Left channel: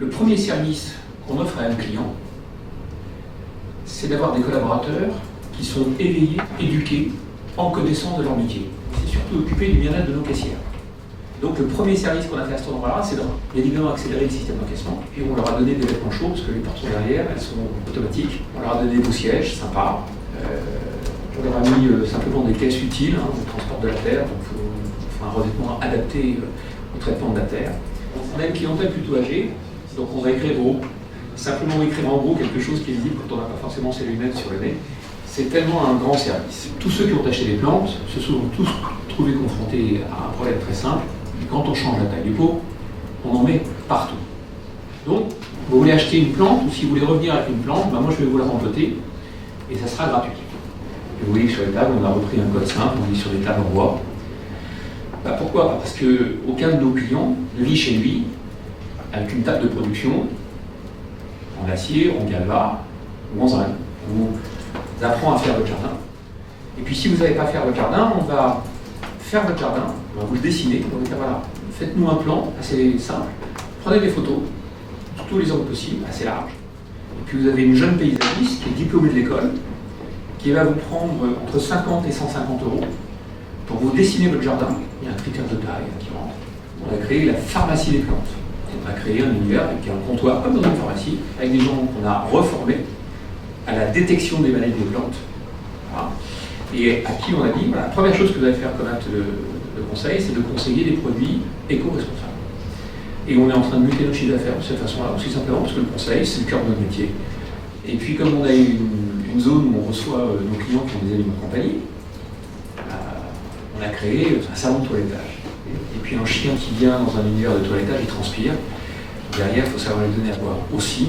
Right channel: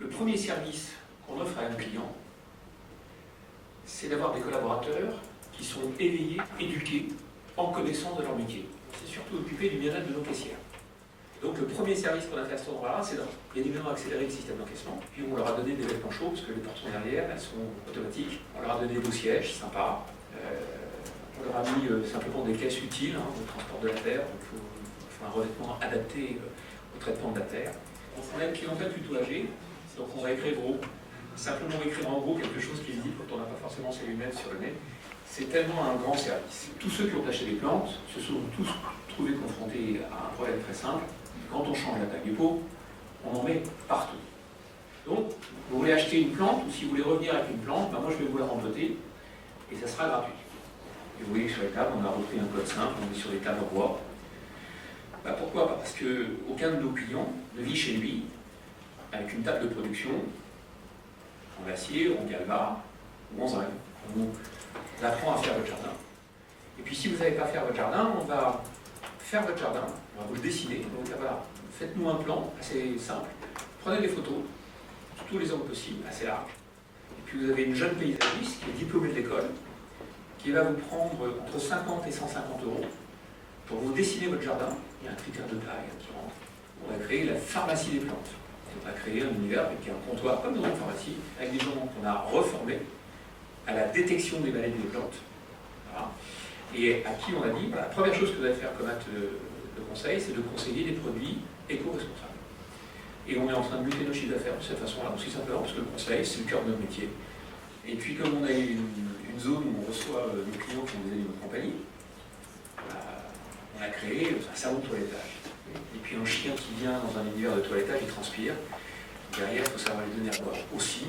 Le premier service qu'on offre à un client, c'est d'avoir des collaborateurs qui sont éveillés, éduqués, en connaissance de leur métier. C'est surtout occuper du bien-être de nos caissières. Donc le premier service qu'on a fait à cet endroit-là, c'est bien évidemment accélérer le système d'encaissement. Et on leur a donné des vêtements chauds, parce que les portes sont derrière, elles sont automatiques. On leur a donné des beaux sièges, sympas. On leur a mis simplement des caisses utiles, au transport de la terre, donc un revêtement adapté au traitement de la terre. On a une clientèle plutôt âgée, donc on va écrire simplement écrire en gros quelque chose qui est visible quand on n'a pas forcément ses lunettes sur le nez. C'est tellement un grand service. Tous ceux qui ont acheté des plantes se sont tous trouvés confrontés à un problème très simple. Quand on change la taille du pot, on en met partout. Donc, vous voulez acheter une plante, ou si vous voulez revenir avec une plante, moi je vais vous la rempoter, et ça sera gratuit. Et vous voyez que sur les tables, on a repris un code simple, on est sur des tables en bois. Pourquoi? Parce qu'aucun de nos clients ne vit chez lui avec une table de production en acier, en galva ou en zinc. On vous apprend à faire votre jardin. Et puis si vous n'avez pas faire votre jardin, on va faire votre jardin, on va vous le dessiner, on va vous dire voilà, faites-nous un plan assez simple, prenez des photos, sur tous les angles possibles, assez larges. Et puis vous avez une jeune paysagiste qui est diplômée de l'école, qui va vous prendre entre 50 et 150 € pour vous dessiner votre jardin. Il y a un critère de taille qui rentre. On a créé la pharmacie des plantes. On a créé un univers avec un comptoir comme dans une pharmacie, avec des gens qu'on a reformés à la détection des maladies des plantes. Voilà. Et à qui on a dit, voilà, la première chose que vous allez faire comme acte de conseil, c'est de conseiller des produits éco-responsables. Et on est en train de muter notre chiffre d'affaires de cette façon-là, aussi simplement parce que le conseil, c'est le cœur de notre métier. Et puis comme on a une zone où on reçoit nos clients qui ont des animaux de compagnie, on a créé un salon de toilettage. Et puis un chien qui vient dans un univers de toilettage, il transpire. Derrière, il faut savoir lui donner à boire aussi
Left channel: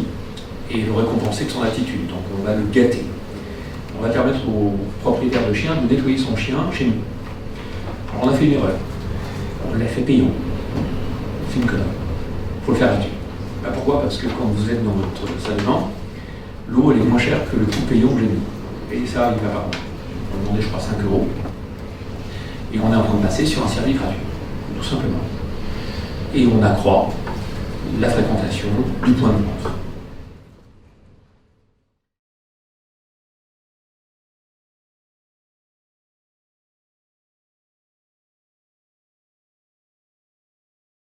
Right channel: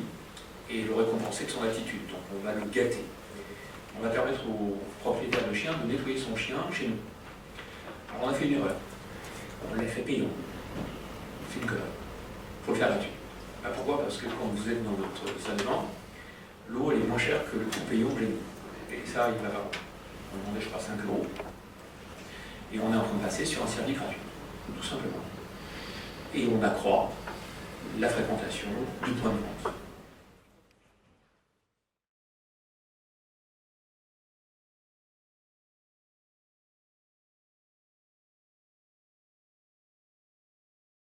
et le récompenser de son attitude. Donc on va le gâter. On va permettre aux propriétaires de chiens de nettoyer son chien chez nous. Alors on a fait une erreur. On l'a fait payant. On fait une connerie. Il faut le faire gratuit. Pourquoi? Parce que quand vous êtes dans votre salle de bain, l'eau elle est moins chère que le coût payant que j'ai mis. Et ça, il ne va pas. On demandait, je crois, 5 €. Et on est en train de passer sur un service gratuit, tout simplement. Et on accroît la fréquentation du point de vente.